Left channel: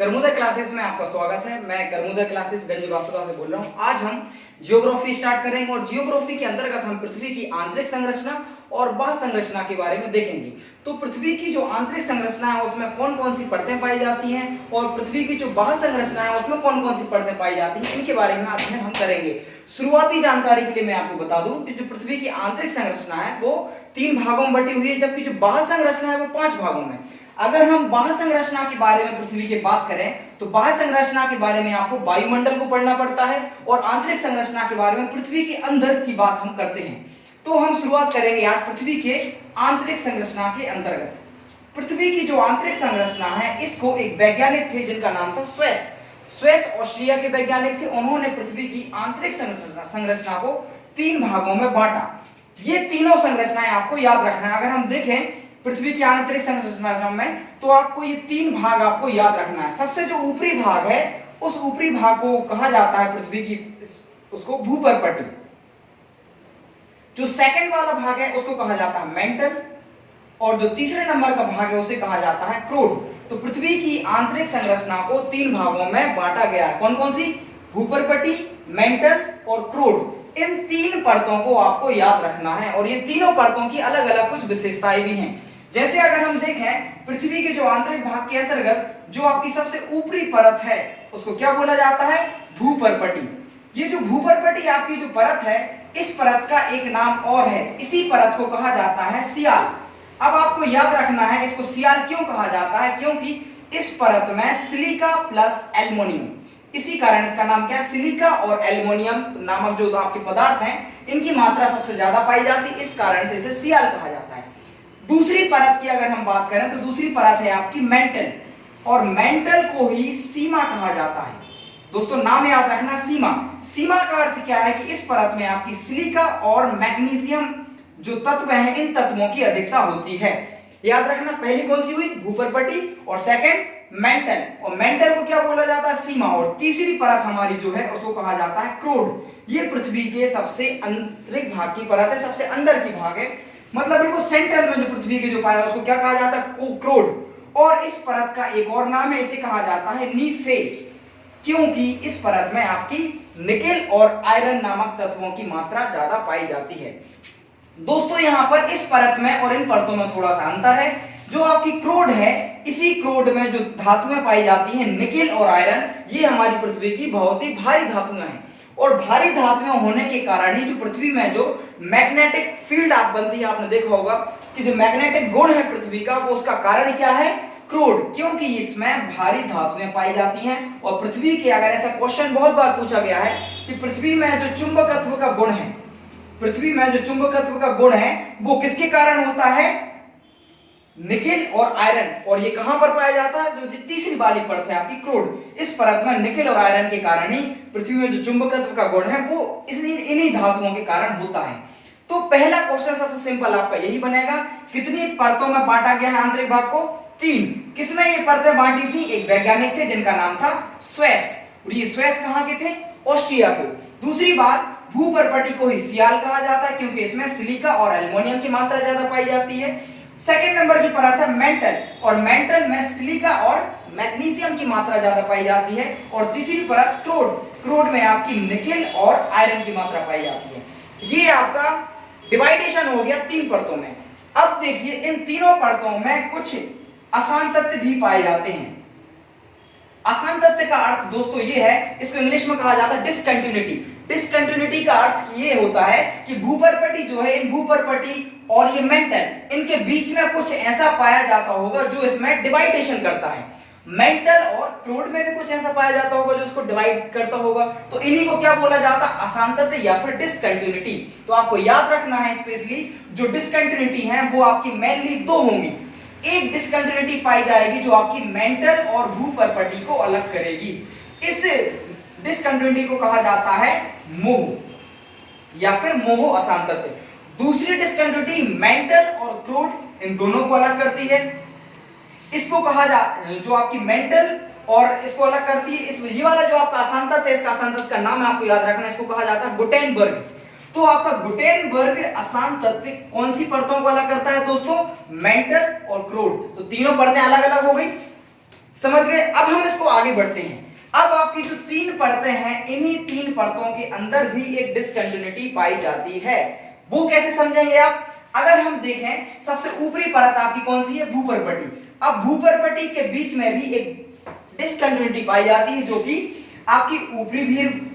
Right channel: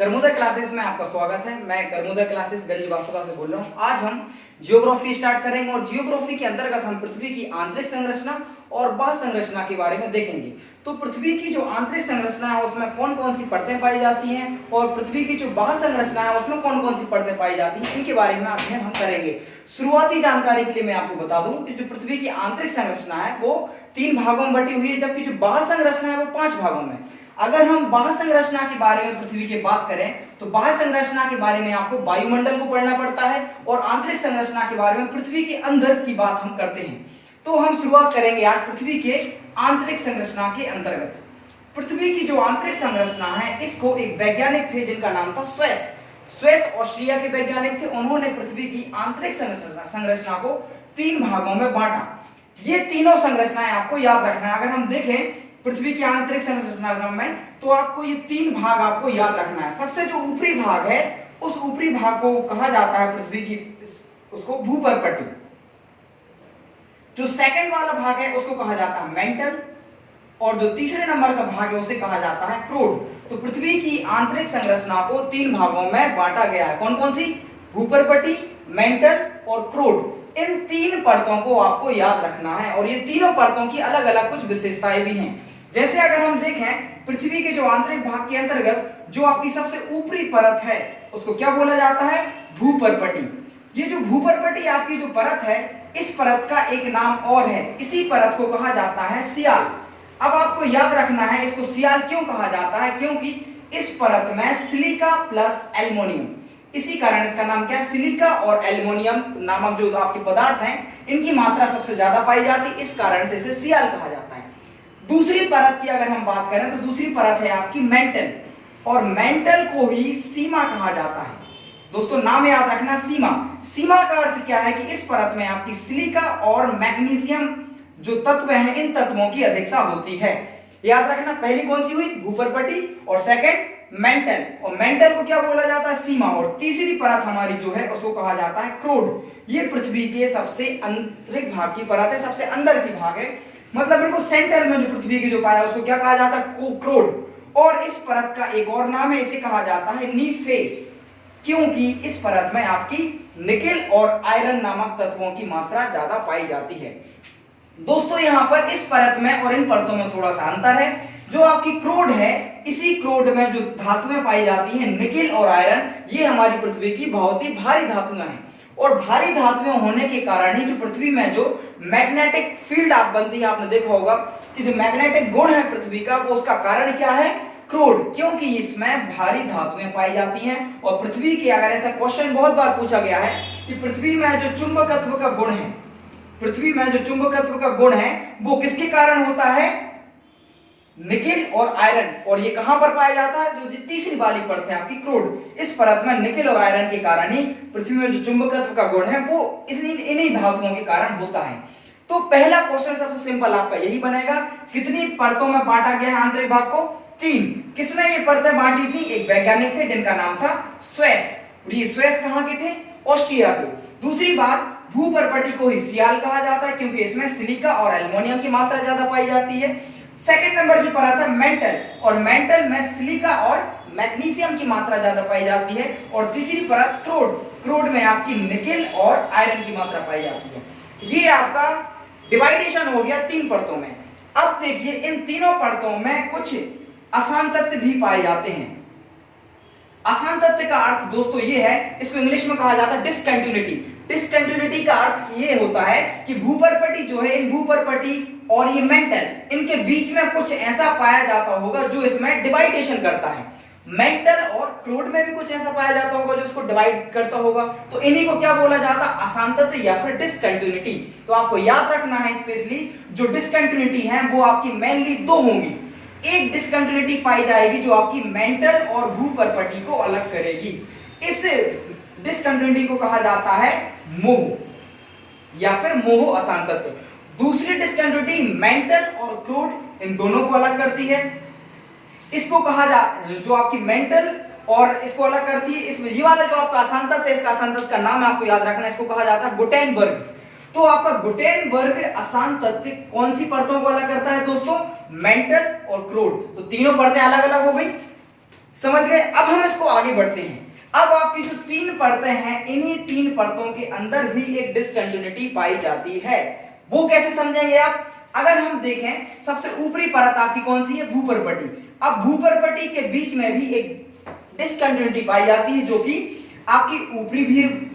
करमुदा classes में आपका स्वागत है। मैं करमुदा क्लासेस गंज वासुदा से बोल रहा हूँ। आज हम जियोग्राफी स्टार्ट करेंगे और जियोग्राफी के अंतर्गत हम पृथ्वी की आंतरिक संरचना और बाह्य संरचना के बारे में देखेंगे। तो पृथ्वी की जो आंतरिक संरचना है उसमें कौन कौन सी परतें पाई जाती हैं और पृथ्वी की जो बाह्य संरचना है उसमें कौन कौन सी परतें पाई जाती हैं, इनके बारे में अध्ययन हम करेंगे। शुरुआती जानकारी के लिए मैं आपको बता दूं कि जो पृथ्वी की आंतरिक संरचना है वो 3 भागों में बटी हुई है, जबकि जो बाह्य संरचना है वो 5 भागों में। अगर हम बाह्य संरचना के बारे में पृथ्वी की बात करें तो बाह्य संरचना के बारे में आपको वायुमंडल को पढ़ना पड़ता है और आंतरिक संरचना के बारे में पृथ्वी के अंदर की बात हम करते हैं। तो हम शुरुआत करेंगे आज पृथ्वी के आंतरिक संरचना के अंतर्गत। पृथ्वी की जो आंतरिक संरचना है इसको एक वैज्ञानिक थे जिनका नाम था स्वेस ऑस्ट्रिया के वैज्ञानिक थे। उन्होंने पृथ्वी की आंतरिक संरचना को 3 भागों में बांटा। ये तीनों संरचनाएं आपको याद रखना है। अगर हम देखें पृथ्वी की आंतरिक संरचना में तो आपको ये 3 भाग आपको याद रखना है। सबसे जो ऊपरी भाग है उस ऊपरी भाग को कहा जाता है पृथ्वी की उसको भूपर्पटी। जो सेकंड वाला भाग है उसको कहा जाता है मेंटल और जो तीसरे नंबर का भाग है उसे कहा जाता है क्रोड। तो पृथ्वी की आंतरिक संरचना को 3 भागों में बांटा गया है। कौन कौन सी? भूपर्पटी, मेंटल और क्रोड। इन 3 परतों को आपको याद रखना है और ये तीनों परतों की अलग अलग कुछ विशेषताएं भी हैं। जैसे अगर हम देखें पृथ्वी के जो आंतरिक भाग के अंतर्गत जो आपकी सबसे ऊपरी परत है उसको क्या बोला जाता है? भूपर्पटी। ये जो भूपर्पटी आपकी जो परत है इस परत का एक नाम और है, इसी परत को कहा जाता है सियाल। अब आपको याद रखना है इसको सियाल क्यों कहा जाता है, क्योंकि इस परत में सिलिका प्लस एल्युमिनियम, इसी कारण इसका नाम क्या है? सिलिका और एल्युमिनियम नामक जो आपके पदार्थ हैं इनकी मात्रा सबसे ज्यादा पाई जाती है, इस कारण से इसे सियाल कहा जाता है। दूसरी परत की अगर हम बात करें तो दूसरी परत है आपकी मेंटल और मेंटल को ही सीमा कहा जाता है। दोस्तों नाम याद रखना, सीमा। सीमा का अर्थ क्या है कि इस परत में आपकी सिलिका और मैग्नीशियम जो तत्व हैं इन तत्वों की अधिकता होती है। याद रखना, पहली कौन सी हुई? भूपर्पटी और सेकंड मेंटल। और मेंटल को क्या बोला जाता है? सीमा। और तीसरी परत हमारी जो है उसको कहा जाता है क्रोड। ये पृथ्वी के सबसे आंतरिक भाग की परत है, सबसे अंदर की भाग है, मतलब बिल्कुल सेंट्रल में जो पृथ्वी की जो पाया उसको क्या कहा जाता है? क्रोड। और इस परत का एक और नाम है, इसे कहा जाता है नीफे, क्योंकि इस परत में आपकी निकेल और आयरन नामक तत्वों की मात्रा ज्यादा पाई जाती है। दोस्तों यहां पर इस परत में और इन परतों में थोड़ा सा अंतर है। जो आपकी क्रोड है इसी क्रोड में जो धातुएं पाई जाती हैं निकेल और आयरन, ये हमारी पृथ्वी की बहुत ही भारी धातुएं हैं और भारी धातुएं होने के कारण ही जो पृथ्वी में जो मैग्नेटिक फील्ड आप बनती है, आपने देखा होगा कि जो मैग्नेटिक गुण है पृथ्वी का वो उसका कारण क्या है? क्रोड, क्योंकि इसमें भारी धातुएं पाई जाती हैं। और पृथ्वी के अगर ऐसा क्वेश्चन बहुत बार पूछा गया है कि पृथ्वी में जो चुंबकत्व का गुण है, पृथ्वी में जो चुंबकत्व का गुण है वो किसके कारण होता है? निकेल और आयरन। और ये कहां पर पाया जाता है? जो तीसरी वाली परत है आपकी क्रोड, इस परत में निकेल और आयरन के कारण ही पृथ्वी में जो चुंबकत्व का गुण है वो इन्हीं धातुओं के कारण होता है। तो पहला क्वेश्चन सबसे सिंपल आपका यही बनेगा, कितनी परतों में बांटा गया है आंतरिक भाग को? 3। किसने ये परतें बांटी थी? एक वैज्ञानिक थे जिनका नाम था स्वेस। और ये स्वेस कहां के थे? ऑस्ट्रिया के। दूसरी बात, भूपर्पटी को ही सियाल कहा जाता है क्योंकि इसमें सिलिका और एल्युमिनियम की मात्रा ज्यादा पाई जाती है। सेकंड नंबर की परत है मेंटल और मेंटल में सिलिका और मैग्नीशियम की मात्रा ज्यादा पाई जाती है। और तीसरी परत क्रोड, क्रोड में आपकी निकेल और आयरन की मात्रा पाई जाती है। ये आपका डिवाइडेशन हो गया 3 परतों में। अब देखिए इन तीनों परतों में कुछ अशांत तत्व भी पाए जाते हैं। अशांत तत्व का अर्थ दोस्तों ये है, इसको इंग्लिश में कहा जाता है डिसकंटिन्यूटी। डिसकंटिन्यूटी का अर्थ ये होता है कि भूपर्पटी जो है, इन भूपर्पटी और ये मेंटल, इनके बीच में कुछ ऐसा पाया जाता होगा जो इसमें डिवाइडेशन करता है। मेंटल और क्रोड में भी कुछ ऐसा पाया जाता होगा जो इसको डिवाइड करता होगा। तो इन्हीं को क्या बोला जाता है? अशांत तत्व या फिर डिसकंटिन्यूटी। तो आपको याद रखना है स्पेशली जो डिसकंटिन्यूटी है वो आपकी मेनली 2 होंगी। एक डिसकंटिन्यूटी पाई जाएगी जो आपकी मेंटल और भूपर्पटी को अलग करेगी। इस डिसकंटिन्यूटी को कहा जाता है मोह या फिर मोह अशांत तत्व। दूसरी डिसकंटिन्यूटी मेंटल और क्रोड इन दोनों को अलग करती है। इसको कहा जो आपकी मेंटल और इसको अलग करती है, इस ये वाला जो आपका अशांत तत्व है, इसका अशांत तत्व का नाम आपको याद रखना है, इसको कहा जाता है गुटेनबर्ग। तो आपका गुटेनबर्ग अशांत तत्व कौन सी परतों को अलग करता है दोस्तों? मेंटल और क्रोड। तो तीनों परतें अलग अलग हो गई। समझ गए। अब हम इसको आगे बढ़ते हैं। अब आपकी जो 3 परतें हैं, इन्हीं 3 परतों के अंदर भी एक डिसकंटिन्यूटी पाई जाती है। वो कैसे समझेंगे आप? अगर हम देखें, सबसे ऊपरी परत आपकी कौन सी है? भूपर्पटी। अब भूपर्पटी के बीच में भी एक डिसकंटिन्यूटी पाई जाती है, जो कि आपकी ऊपरी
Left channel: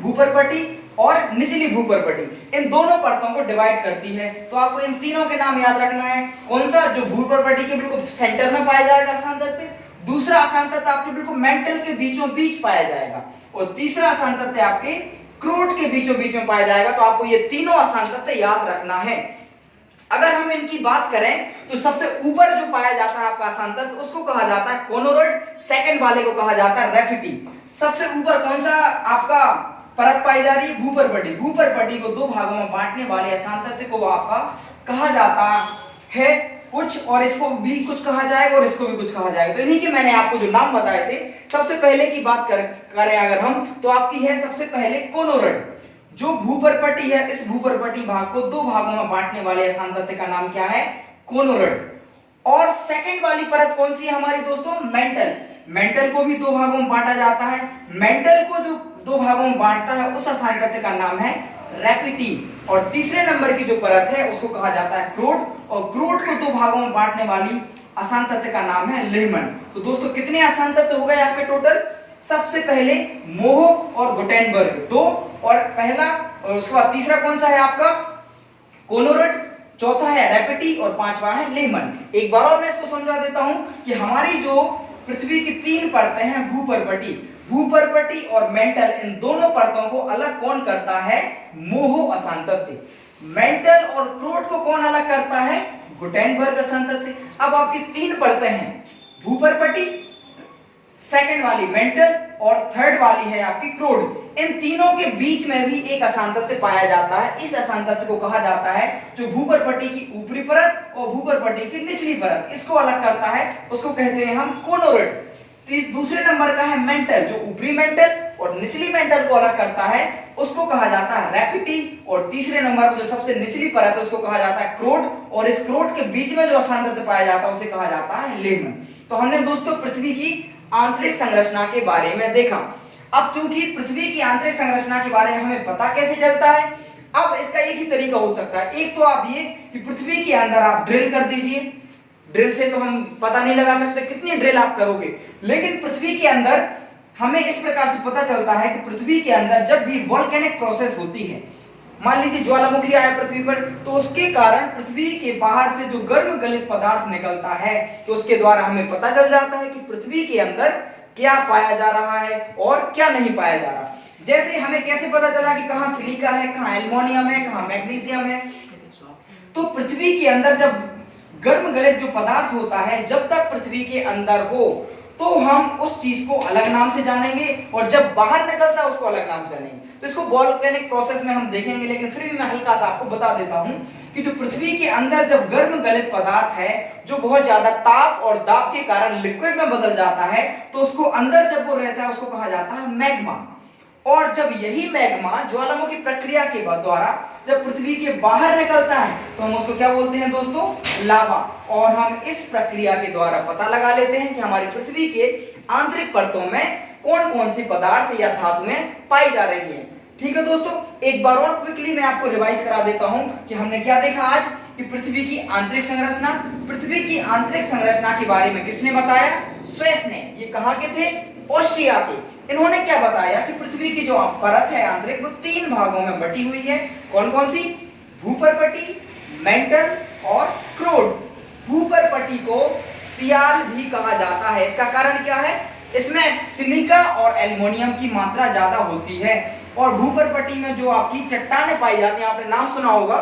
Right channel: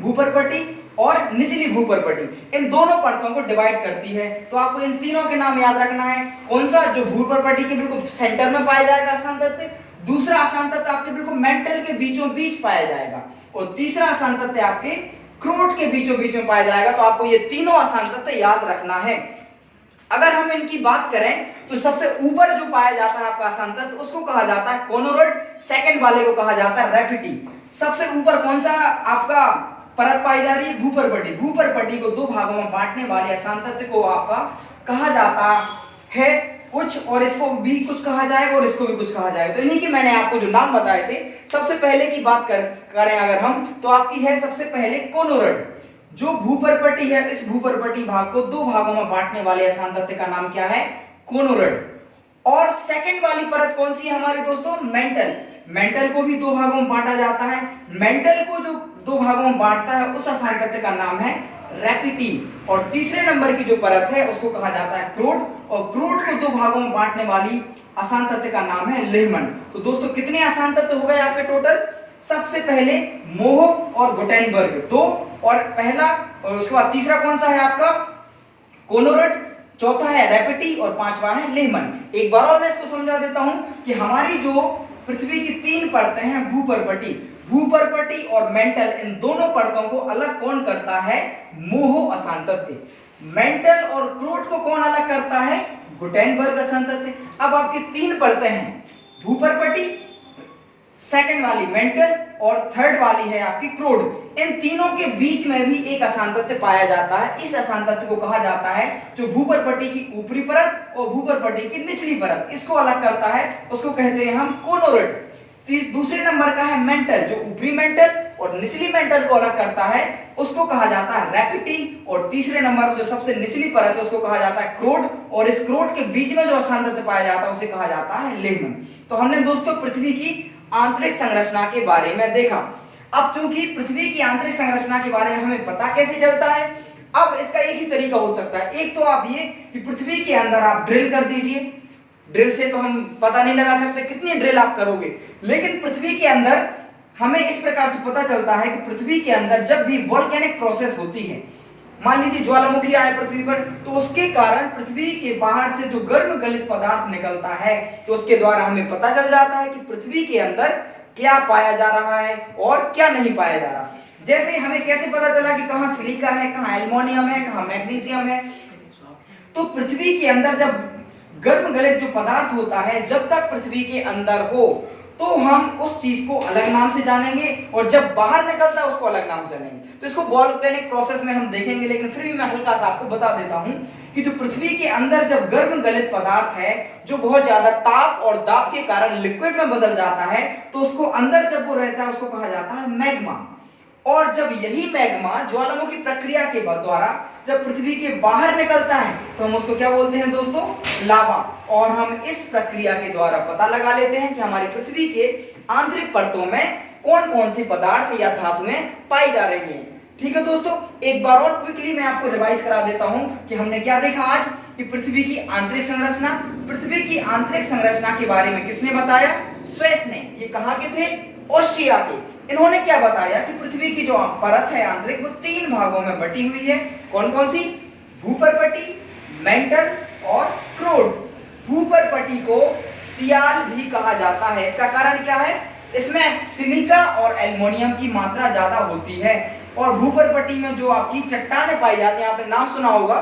भूपर्पटी और निचली भूपर्पटी, इन दोनों परतों को डिवाइड करती है। तो आपको इन तीनों के नाम याद रखना है। कौन सा? जो भूपर्पटी के बिल्कुल सेंटर में पाया जाएगा आसान तत्व, दूसरा आसान तत्व आपके बिल्कुल मेंटल के बीचों बीच पाया जाएगा, और तीसरा आसान तत्व आपके क्रोट के बीचों बीच में पाया जाएगा। तो आपको ये तीनों आसान तत्व याद रखना है। अगर हम इनकी बात करें तो सबसे ऊपर जो पाया जाता है आपका आसान तत्व, उसको कहा जाता है कोनोरॉड, सेकंड वाले को कहा जाता है रैफिटी। सबसे ऊपर कौन सा आपका परत पाई जा रही है? भूपर्पटी। भूपर्पटी को 2 भागों में बांटने वाले आसान तत्व को आपका कहा जाता है कुछ, और इसको भी कुछ कहा जाएगा और इसको भी कुछ कहा जाएगा। तो इन्हीं के मैंने आपको जो नाम बताए थे, सबसे पहले की बात करें अगर हम, तो आपकी है सबसे पहले कोनोरॉड। जो भूपर्पटी है, इस भूपर्पटी भाग को 2 भागों में बांटने वाले आसान तत्व का नाम क्या है? कोनोरॉड। और सेकंड वाली परत कौन सी है हमारे दोस्तों? मेंटल। मेंटल को भी 2 भागों में बांटा जाता है। मेंटल को जो 2 भागों में बांटता है, उस आसान तत्व का नाम है रैपिटी। और तीसरे नंबर की जो परत है, उसको कहा जाता है क्रोट, और क्रोट को 2 भागों में बांटने वाली आसान तत्व का नाम है लेहमन। तो दोस्तों कितने आसान तत्व हो गए आपके टोटल? सबसे पहले मोह और गुटेनबर्ग 2, और पहला, और उसके बाद तीसरा कौन सा है आपका? कोनोरॉड, चौथा है रैपिटी, और 5वां है लेहमन। एक बार और मैं इसको समझा देता हूं कि हमारी जो पृथ्वी की 3 परतें हैं, भूपर्पटी और मेंटल, इन दोनों परतों को अलग कौन करता है? मोह आसान तत्व। मेंटल और क्रोट को कौन अलग करता है? गुटेनबर्ग आसान तत्व। अब आपकी 3 परतें हैं, भूपर्पटी, सेकंड वाली मेंटल, और थर्ड वाली है आपकी क्रोट। इन तीनों के बीच में भी एक आसान तत्व पाया जाता है। इस आसान तत्व को कहा जाता है, जो भूपर्पटी की ऊपरी परत और भूपर्पटी की निचली परत, इसको अलग करता है, उसको कहते हैं हम कोनोरॉड। दूसरे नंबर का है मेंटल, जो ऊपरी मेंटल और निचली मेंटल को अलग करता है, उसको कहा जाता है रैपिटी। और तीसरे नंबर पर जो सबसे निचली परत है, उसको कहा जाता है क्रोट, और इस क्रोट के बीच में जो आसान तत्व पाया जाता है, उसे कहा जाता है लेमन। तो हमने दोस्तों पृथ्वी की आंतरिक संरचना के बारे में देखा। अब चूंकि पृथ्वी की आंतरिक संरचना के बारे में हमें पता कैसे चलता है, अब इसका एक ही तरीका हो सकता है। एक तो आप ये कि पृथ्वी के अंदर आप ड्रिल कर दीजिए। ड्रिल से तो हम पता नहीं लगा सकते कितनी ड्रिल आप करोगे, लेकिन पृथ्वी के अंदर हमें इस प्रकार से पता चलता है कि पृथ्वी के अंदर जब भी वोल्केनिक प्रोसेस होती है, मान लीजिए ज्वालामुखी आए पृथ्वी पर, तो उसके कारण पृथ्वी के बाहर से जो गर्म गलित पदार्थ निकलता है, तो उसके द्वारा हमें पता चल जाता है कि पृथ्वी के अंदर क्या पाया जा रहा है और क्या नहीं पाया जा रहा। जैसे हमें कैसे पता चला कि कहां सिलिका है, कहां एल्युमिनियम है, कहां मैग्नीशियम है। तो पृथ्वी के अंदर जब गर्म गलित जो पदार्थ होता है, जब तक पृथ्वी के अंदर हो तो हम उस चीज को अलग नाम से जानेंगे, और जब बाहर निकलता है उसको अलग नाम से जानेंगे। तो इसको वोल्केनिक प्रोसेस में हम देखेंगे, लेकिन फिर भी मैं हल्का सा आपको बता देता हूं कि जो पृथ्वी के अंदर जब गर्म गलित पदार्थ है, जो बहुत ज्यादा ताप और दाब के कारण लिक्विड में बदल जाता है, तो उसको अंदर जब वो रहता है, उसको कहा जाता है मैग्मा। और जब यही मैग्मा ज्वालामुखी प्रक्रिया के द्वारा जब पृथ्वी के बाहर निकलता है, तो हम उसको क्या बोलते हैं दोस्तों? लावा। और हम इस प्रक्रिया के द्वारा पता लगा लेते हैं कि हमारी पृथ्वी के आंतरिक परतों में कौन कौन सी पदार्थ या धातुएं पाई जा रही हैं। ठीक है दोस्तों, एक बार और क्विकली मैं आपको रिवाइज करा देता हूं कि हमने क्या देखा आज, कि पृथ्वी की आंतरिक संरचना। पृथ्वी की आंतरिक संरचना के बारे में किसने बताया? स्वेस ने। ये कहां के थे? ऑस्ट्रिया के। इन्होंने क्या बताया कि पृथ्वी की जो परत है आंतरिक, वो 3 भागों में बटी हुई है। कौन कौन सी? भूपर्पटी, मेंटल और क्रोट। भूपर्पटी को सियाल भी कहा जाता है। इसका कारण क्या है? इसमें सिलिका और एल्युमिनियम की मात्रा ज्यादा होती है। और भूपर्पटी में जो आपकी चट्टानें पाई जाती हैं, आपने नाम सुना होगा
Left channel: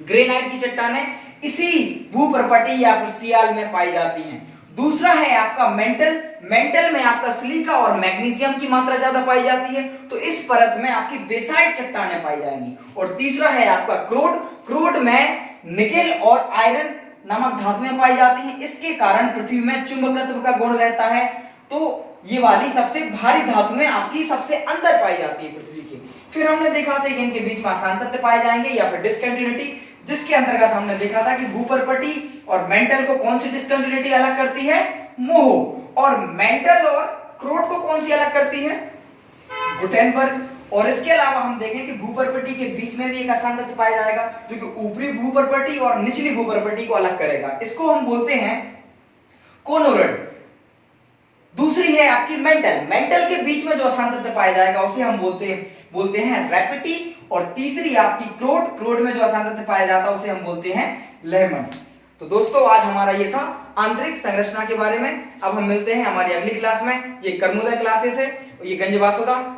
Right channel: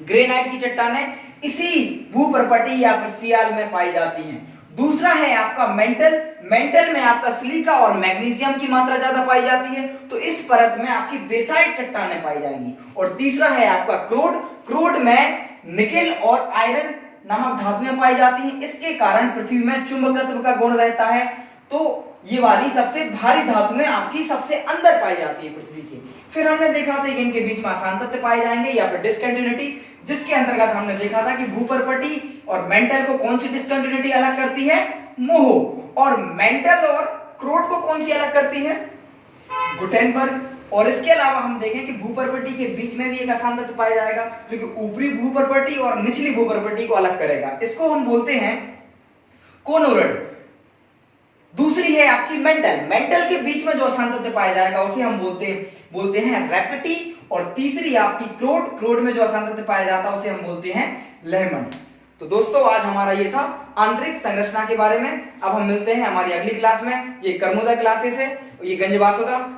ग्रेनाइट की चट्टानें, इसी भूपर्पटी या फिर सियाल में पाई जाती हैं। दूसरा है आपका मेंटल। मेंटल में आपका सिलिका और मैग्नीशियम की मात्रा ज्यादा पाई जाती है, तो इस परत में आपकी बेसाइट चट्टानें पाई जाएंगी। और तीसरा है आपका क्रोट। क्रोट में निकेल और आयरन नामक धातुएं पाई जाती हैं। इसके कारण पृथ्वी में चुंबकत्व का गुण रहता है। तो ये वाली सबसे भारी धातुएं आपकी सबसे अंदर पाई जाती है पृथ्वी के। फिर हमने देखा था कि इनके बीच में आसान तत्व पाए जाएंगे या फिर डिसकंटिन्यूटी, जिसके अंतर्गत हमने देखा था कि भूपर्पटी और मेंटल को कौन सी डिसकंटिन्यूटी अलग करती है? मोह। और मेंटल और क्रोड को कौन सी अलग करती है? गुटेनबर्ग। और इसके अलावा हम देखें कि भूपर्वटी के बीच में भी एक आसान तत्व पाया जाएगा जो कि ऊपरी भूपर्वटी और निचली भूपर्वटी को अलग करेगा। इसको हम बोलते हैं कोनोरड। दूसरी है आपकी मेंटल। मेंटल के बीच में जो आसान तत्व पाया जाएगा उसे हम बोलते हैं रैपिटी। और तीसरी आपकी क्रोड। क्रोड में जो आसान तत्व पाया जाता है उसे हम बोलते हैं लेहमन। तो दोस्तों आज हमारा ये था आंतरिक संरचना के बारे में। अब हम मिलते हैं हमारी अगली क्लास में। ये कर्मोदय क्लासेस है, ये गंज वासुदा।